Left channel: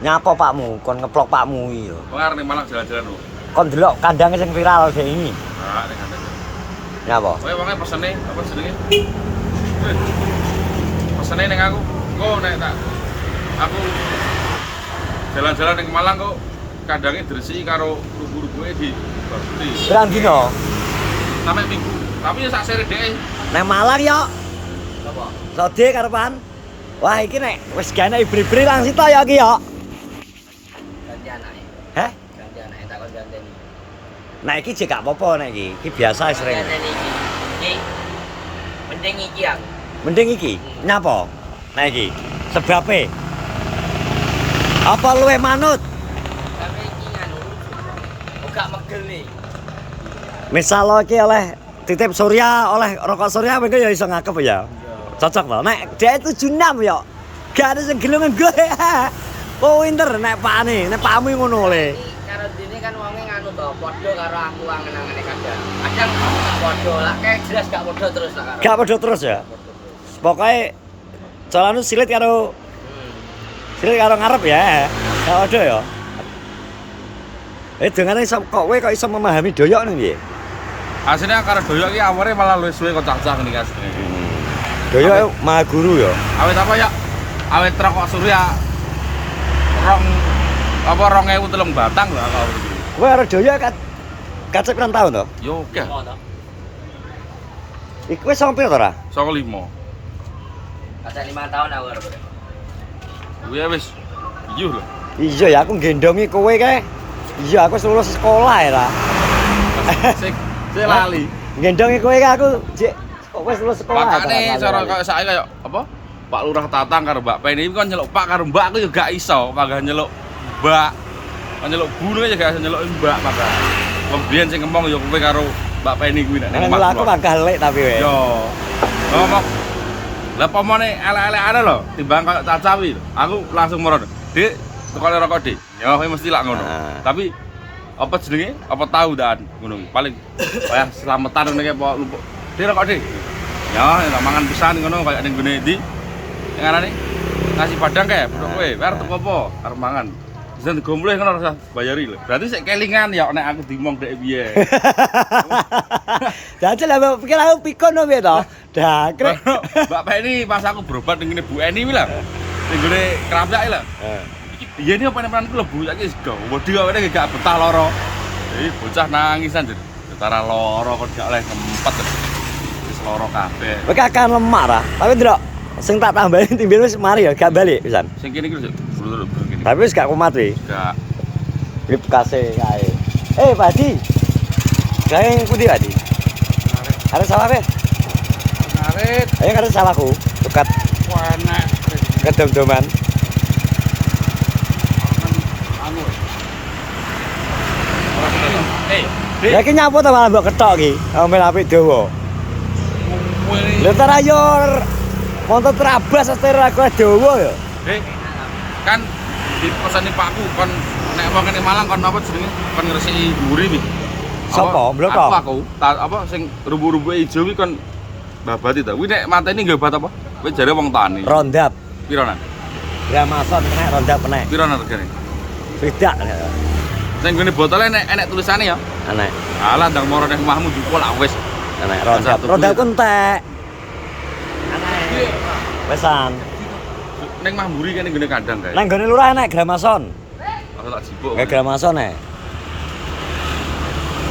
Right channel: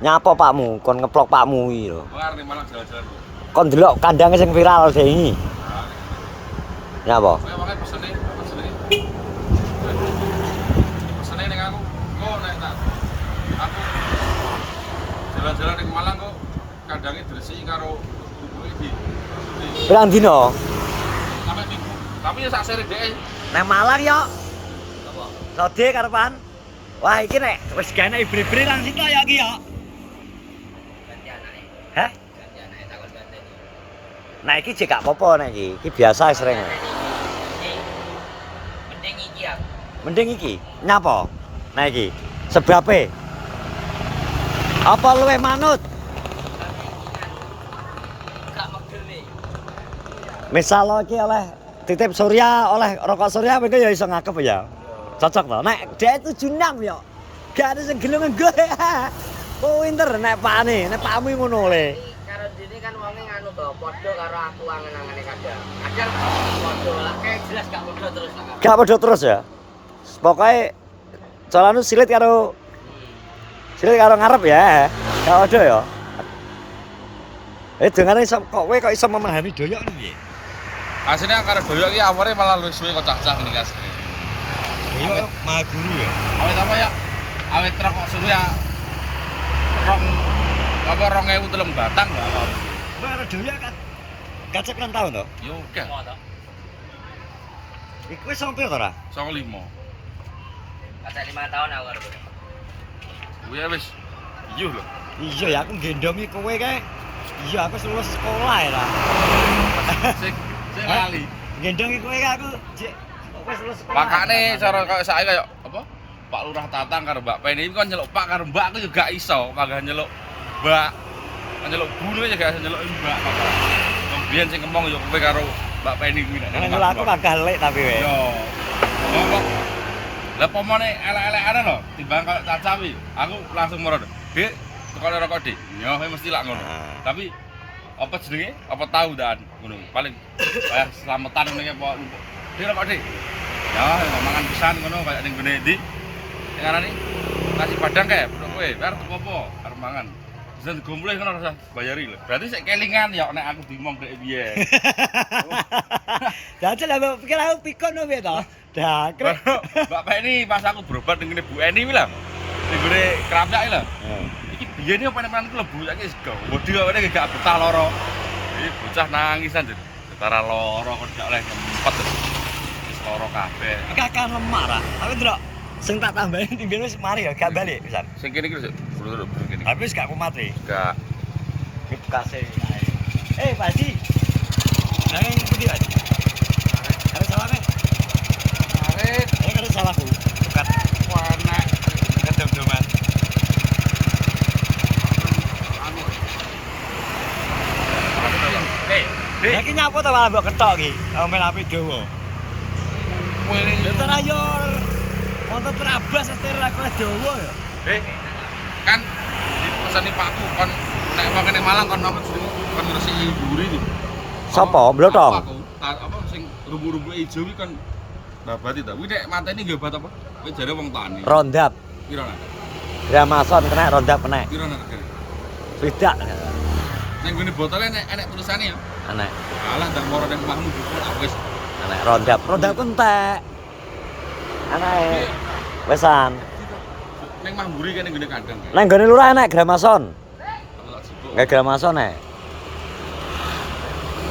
Nyapa pakmu, kon ngeplok pakmu iki lho. Pengar ning Malang jalan-jalan lho. Kon delok kandange sing viral kok iki. Ah, ning kandang. Nyapa? Kowe wonge pesene apa jenenge? Wih. Pesene ning aku. Kok nek tak aku jalan-jalan ning Malang kok kandange diresiki karo rubu-rubuke di babuti. Pirang dino? Sampai minggu. Tapi ya sak sere dhek. Nang Malang yo. Apa? Sode karepan. Wah iki nek wis gane ibri-ibri langsung to ya iki yo. Ganti anake. Heh? Ganti anake tak kon ganteni. Nah iki jek gak apa-apa nek iki. Iki biasa sering. Ganteni iki. Iki mending iki aku. Mending iki. Nyapa? Nah iki. Sebabe. Apa luwe manut? Tapi iki nganu. Ora megel nih. Misal lo iki oleh titip Surya, oleh rokok Surya mengko ya iso ngakep ya. Cocok to. Nek dia 76 yo. Gak ada sing gelem nggo. Oh winter nek pakane, nek pakmu ngono le. Karo dene kan wonge nganu to, padha karo aku angen-angene kadang. Kadang tak padha lah, kayak jelas gak padha terus tak karo. Gak padha terus ya. Pokoke calanu silit karo ngarep ya. Gak ada ya. Dengane kok kowe kok iso memahami doyok nih piye? Asline karo doyok iki aware malah luwih suwe kok cah-cah ngene asline. Doyok maha guru ya. Awet apa ya? Awet rokok Surya rong apa 2003 batang lho aku awet iki. Kowe arep doyok kacep pirang tahun to? Yo oke. Iku wis sampe to ora? 95. Ada 5 tahun aku karo. Kuwi wis iya lho. Iya ya aku gendongi kowe kae. Iya aku wis lulus sekolah ya ta. Sik lali. Gendongi kowe kae aku jek kok wis lulus sekolah. Makane cara koyo saiki kaya apa? Pak Lurah Tatang karo Mbak Penny iki kon nyeluk Pak karo Mbak aku yo gak iso, malah nyeluk Mbak. Kon nyeluk Bu ya gak iso nyeluk Mbak malah. Kemudian sing ngomong yo kowe karo Mbak Penny kuwi nek Nang aku mangkah lek tapi we. Yo. Ngomong. Lah pomone elek-elekane lho, timbang koyo Caca wi. Aku langsung meron. Dik, tukane rokok Dik. Ya kowe mesti lak ngono. Tapi apa jenenge? Apa tahu dan ngono kuwi. Paling kaya slametan ngene apa lumpuk. Dik rokok Dik. Ya, mangan pisan ngono kaya ning gone ndi? Sing arane nasi padang kae, produk kowe, arep teko apa? Arep mangan. Bisa digombleh ngono rasa bayari lho. Berarti sik kelingan ya nek aku dimong dek piye. Dadi lah pikir aku pikon no piye to? Dakrek. Mbak Penny pas aku berobat ning ngene Bu Eni kuwi lho. Ning gone Krapyak lho. Iki biyen apa nemenanku lho Bu, saiki sego. Wedi kok ngene gak betah lara. Iki bocah nangisan jar. Setara lara kok gak oleh ngempet. Wis lara kabeh. Kowe kakak lemak ra. Tapi ndelok sing tak tambahin timbel wis mari ya gak balik pisan. Sing kene iki lho, blur kene. Tapi wis gak kumat e. Gak. Ini bekase kae. Pak Haji. Kae pundi Haji? Ada salah be? Narit, Ayo kan salahku. Dekat enak. kedom-doman. Anu. Ya ki nyapu ta malah mbok ketok ki. Ambil apik dawa. Lho ta ayo montot terabas setir aku dawa ya. Dik, kan di pesane Pakku kon nek wong kene Malang kon apa jenenge? Kon ngresiki mburi wi. Sapa? Blotong? Aku apa sing rubu-rubuke ijo wi kon babati ta. Kuwi nek mateni nggo obat apa? Kowe jare wong tani. Rondap. Pironan? Ya mason kena rondap kena. Pironan regane? Beda. Sing gone botole enek tulisane ya. Anek. Alah ndang moro ning omahmu jupuk lak wis. Anek rondap. Rondap ku entek. Anek. Wesan. Ning mah mburi kene gone kandang kae. Nang gone lurah enek gramason. Aku tak jipuk. Kayak gramason e.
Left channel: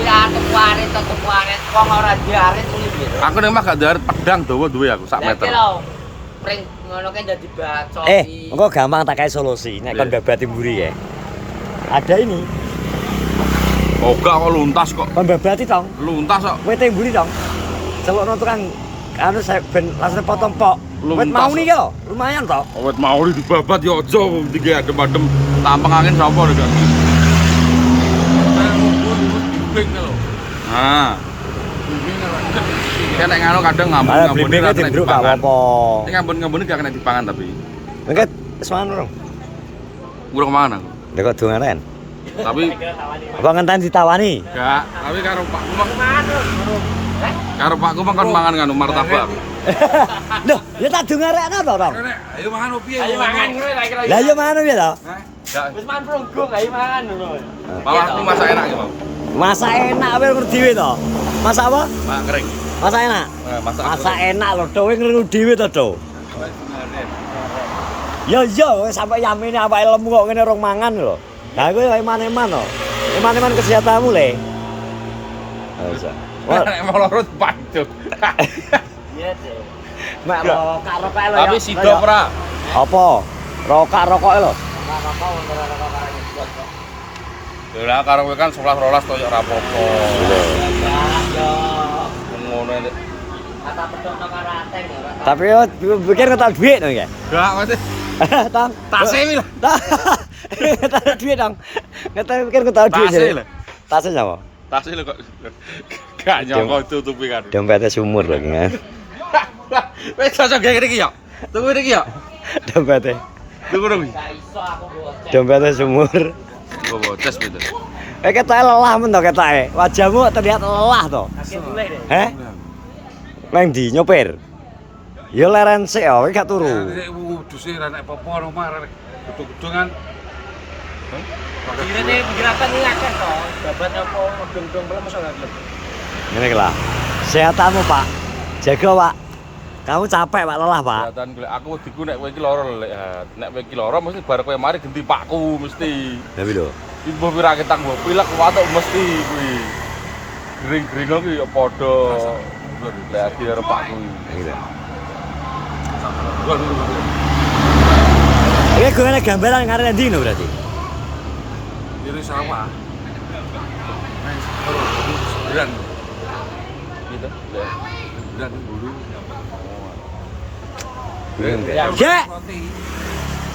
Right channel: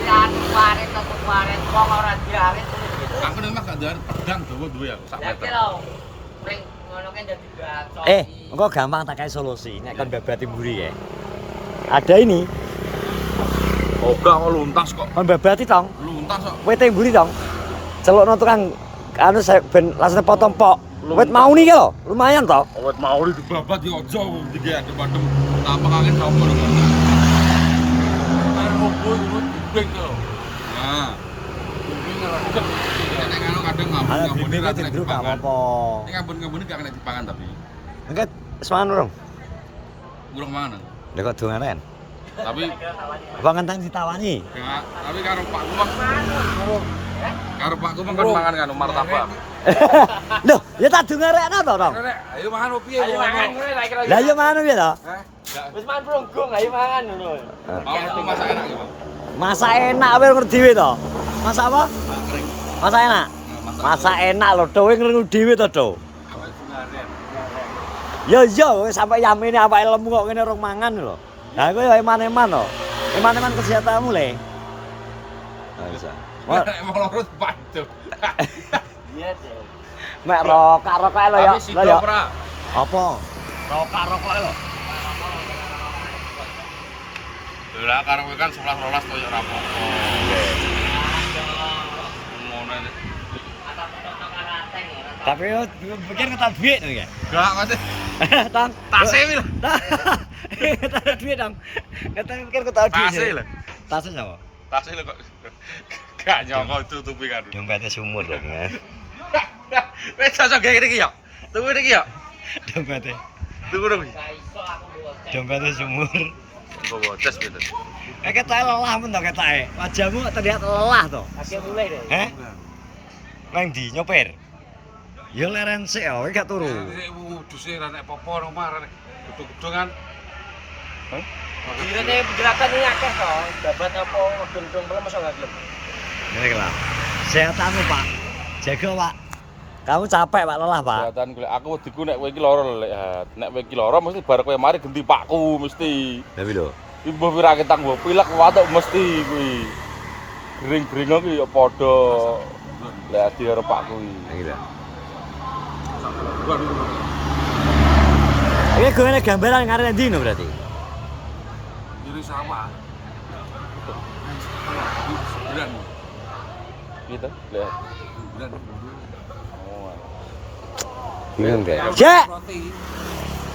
Ya tetep waret wong ora diaret iki. Aku ning mah gak ndar pedang dawa duwe aku sak meter. Pring ngono kan dadi bacot. Engko gampang tak kae solusi nek kon babati mburi ya. Ada ini. Oh gak kok luntas kok. Kon babati tong. Luntas kok. Wete mburi tong. Celukno tukang anu saya ben langsung potong pok. Wet Luntas. mau nih lho, lumayan toh. Wet mau dibabat ya aja iki adem-adem tampang angin sapa lho kan. Ah. Nek ngono kadang Malah ngambun-ngambun blimbingnya dimbruk gak apa-apa. Nek ngambun-ngambun gak kena dipangan tapi. Mengket wis mangan urung? Urung mangan aku. Lha kok dongaren. Tapi Apa ngenten ditawani? gak, tapi karo Pakku mah Karo pakku mangkon mangan nganu martabak. Loh, ya tak dengarekno to, Tong. Ayo mangan opo piye? Ayo mangan kowe tak kira. Lah ya mana piye to? Wis mangan prunggung ayo mangan lho. Malah aku masak enak iki mau. Masak enak kowe ngerti dhewe to. Masak apa? Masak kering. Masak enak. Masak enak lho, kowe ngerti dhewe to, Do. Ya iya, kowe sampe yamine awake lemu kok ngene rong mangan lho. Lah kowe eman-eman to. Eman-eman kesehatanmu le. Ah iso. Nek mau loro paduk. Iya deh. Mek rokak-rokoke lho ya. Tapi sido ora. Apa? Rokak-rokoke lho. Lah karo kowe kan 11-12 koyo ora apa-apa. Lho. Ngono nek. Kata pedokno karo ateng ya ora. Tapi yo pikir ketok dhuwit to ya. Gak Mas. Tong. Tase wi lah. Ketok dhuwit dong. Ketok pikir ketok dhuwit. Tase lho. Tase sapa? Tase lho kok. Gak nyangka tutupi kan. Dompetnya sumur lho ya. Wes cocok gawe iki ya. Tunggu iki ya. Dompetnya. Tunggu nang. Gak iso aku buat. Dompetnya sumur. Oh, tes betul. Ketoke lelah men to ketoke. Wajahmu terlihat lelah to. Sakit mulai deh. Heh? Nang ndi nyopir? Ya leren sik ya, kowe gak turu. Duse ra nek apa-apa nang omah rek. Gedung-gedungan. Pirene pikiratan iki akeh to. Babat apa ben-ben mosok gak gelem. Ngene iki lah. Sehatanmu, Pak. Jaga, Pak. Kamu capek, Pak, lelah, Pak. Kelihatan golek aku wediku nek kowe iki lara lek. Nek kowe iki lara mesti bar kowe mari genti pakku mesti. Tapi lho, Ibu pira ketang mbok pilek watuk mesti kuwi. Gring-gring iki ya padha. Dadi karo pakku. gitu. Iki gue nek gambaran ngarep ndi no berarti? Kiri sawah. Wes ora beran. Gitu. Beran buru. Bingung deh. Jak.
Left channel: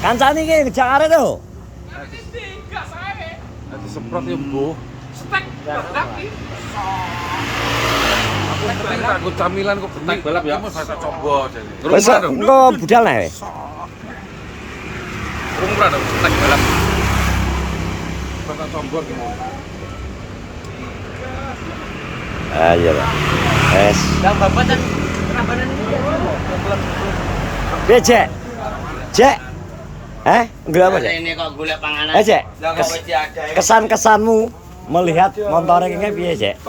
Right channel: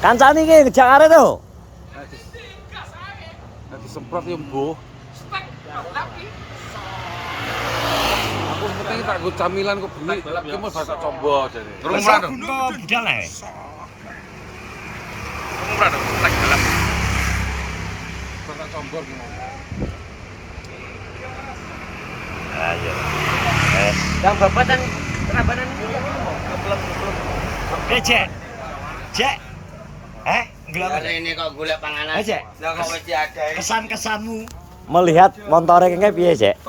Kancane iki ngejak arek to. Dadi semprot ya mbuh. Stek lagi. Aku camilan kok bengi balap ya. Mesti coba jane. Rumah dong. Engko budal nek. Rumah dong. Nek balap. Bapak combor ki mau. Ah iya, Pak. Wes. Dan babat kan rabanan iki ya kok. Klem-klem. Piye, Cek? Cek. Enggak apa, Cek? Ini kok golek panganan. Cek. Lah kok wis ada. Kesan-kesanmu melihat motor ini piye, Cek?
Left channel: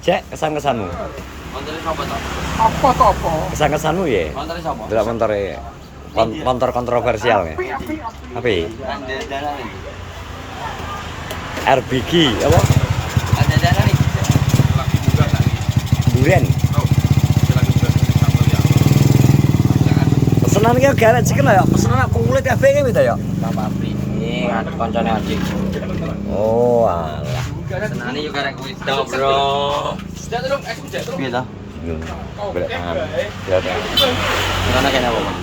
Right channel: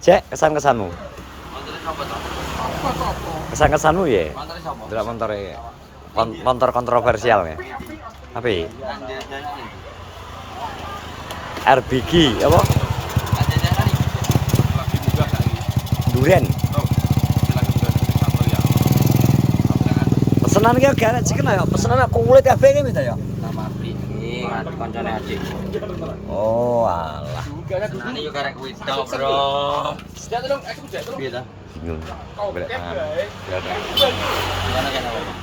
Cek, kesan-kesanmu. Montore sapa to? Apa to apa? Kesan-kesanmu ya? Montore sapa? Delok montore motor kontroversial ya. Apa? Dalan iki. RBG apa? Ada dalan iki. Duren. Pesenan ki gak enak chicken ya, pesenan aku kulit kabeh ki gitu ya. Sama api. Ini kancane aji. Oh, alah. Senane yo karek kuwi to, Bro. Piye to? Bingung. Golek pangan. Ya ta. Karena kene apa, Bang?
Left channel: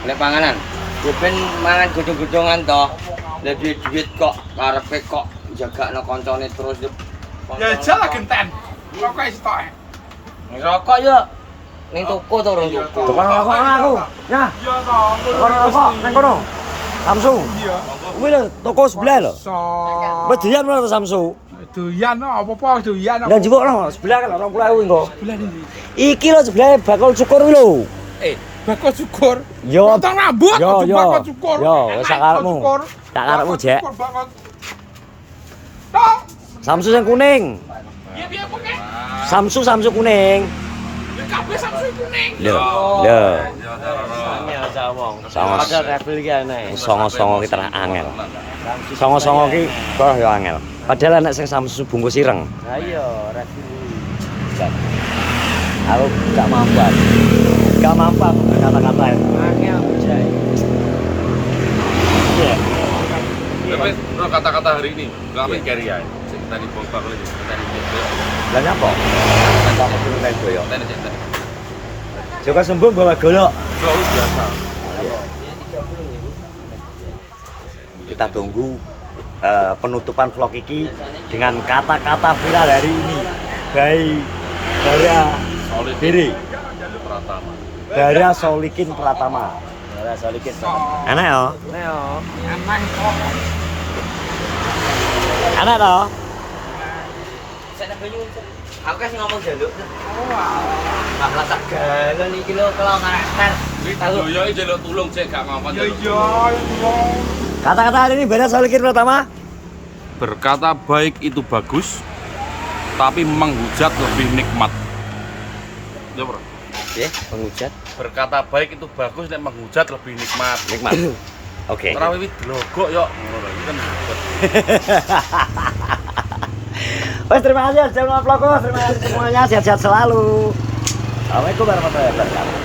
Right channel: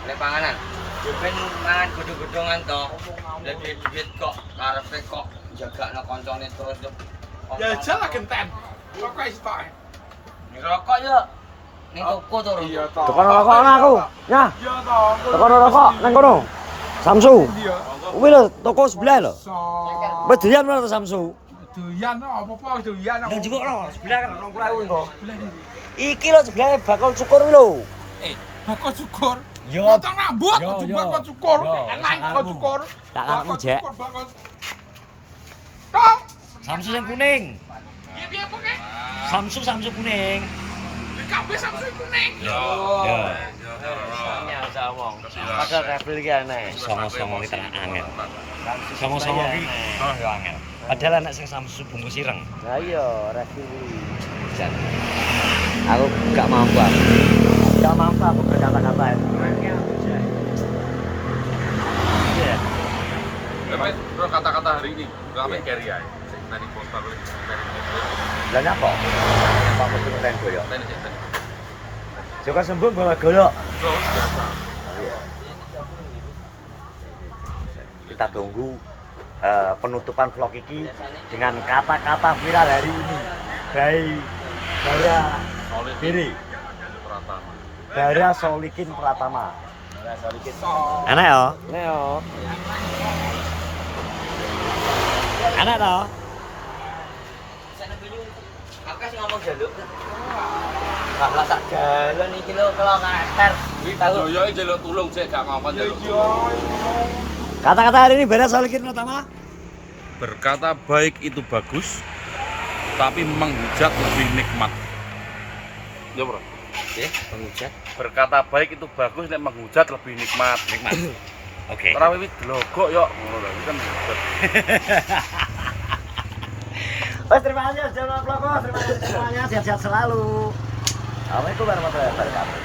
Golek panganan. Ya ben mangan godhong-godhongan to. Lah duit kok karepe kok jagakno koncone terus yo. Ya jala genten. Kok wis tok. Rokok yo ning toko to, Bro. Tukang rokok aku. Nah, Iya to. tukang rokok nang kono. Samsu. Iya. Kuwi lho toko sebelah lho. So. Wis doyan mana to Samsu? Doyan apa-apa doyan. Dan jebuk no, sebelah kan 20.000 engko. Belah iki. Iki lho sebelah bakul cukur kuwi lho. Bakal cukur. Yo. Potong rambut, Yo, kudu yo. bakal cukur. Yo, wis sakarepmu. Sakarepmu, Jek. Tok. Samsu yang kuning. Piye kok ke? Samsu kuning. Kabeh Samsung kuning. Yo. Yo. Sanya sawong. Sawong. Padahal rebel iki aneh. Songo-songo ki terah angel. Songo-songo ki kok yo angel. Padahal anak sing Samsu bungkus ireng. Lah iya, rebel. Cek. Aku gak mampu aku. Gak mampu aku berkata-kata itu. Angel jai. Iya. Tapi terus kata-kata hari ini enggak mikir ya. Dari bos aku dari dia. Lah nyapa? Apa aku turun kain boyo? Nenek cerita. Joko sembung bawa golok. Selalu biasa. Kita tunggu penutupan vlog ini dengan kata-kata viral hari ini. Baik Bara Diri, Bara Solikin Pratama. Bara Solikin. Enak ya? Neo, aman kok. Enak toh? Saya banyu. Aku kan ngomong jaluk. Malah tak galon iki lho kalau karakter. Tahu. Yo jeluk tulung sik gak ngomong. Kata-kata hari ini beda soal kirim pertama. Berkata baik itu bagus, tapi menghujat lebih nikmat. Ya, Bro. Oke, penghujat. Berkata baik itu bagus, nek menghujat lebih nikmat. Nikmat. Oke. Ora wiwit glogok yo ngono lho, iki kan menghujat. Oke, terima kasih sudah nge-vlog. Terima kasih semuanya, sehat-sehat selalu. Assalamualaikum warahmatullahi wabarakatuh.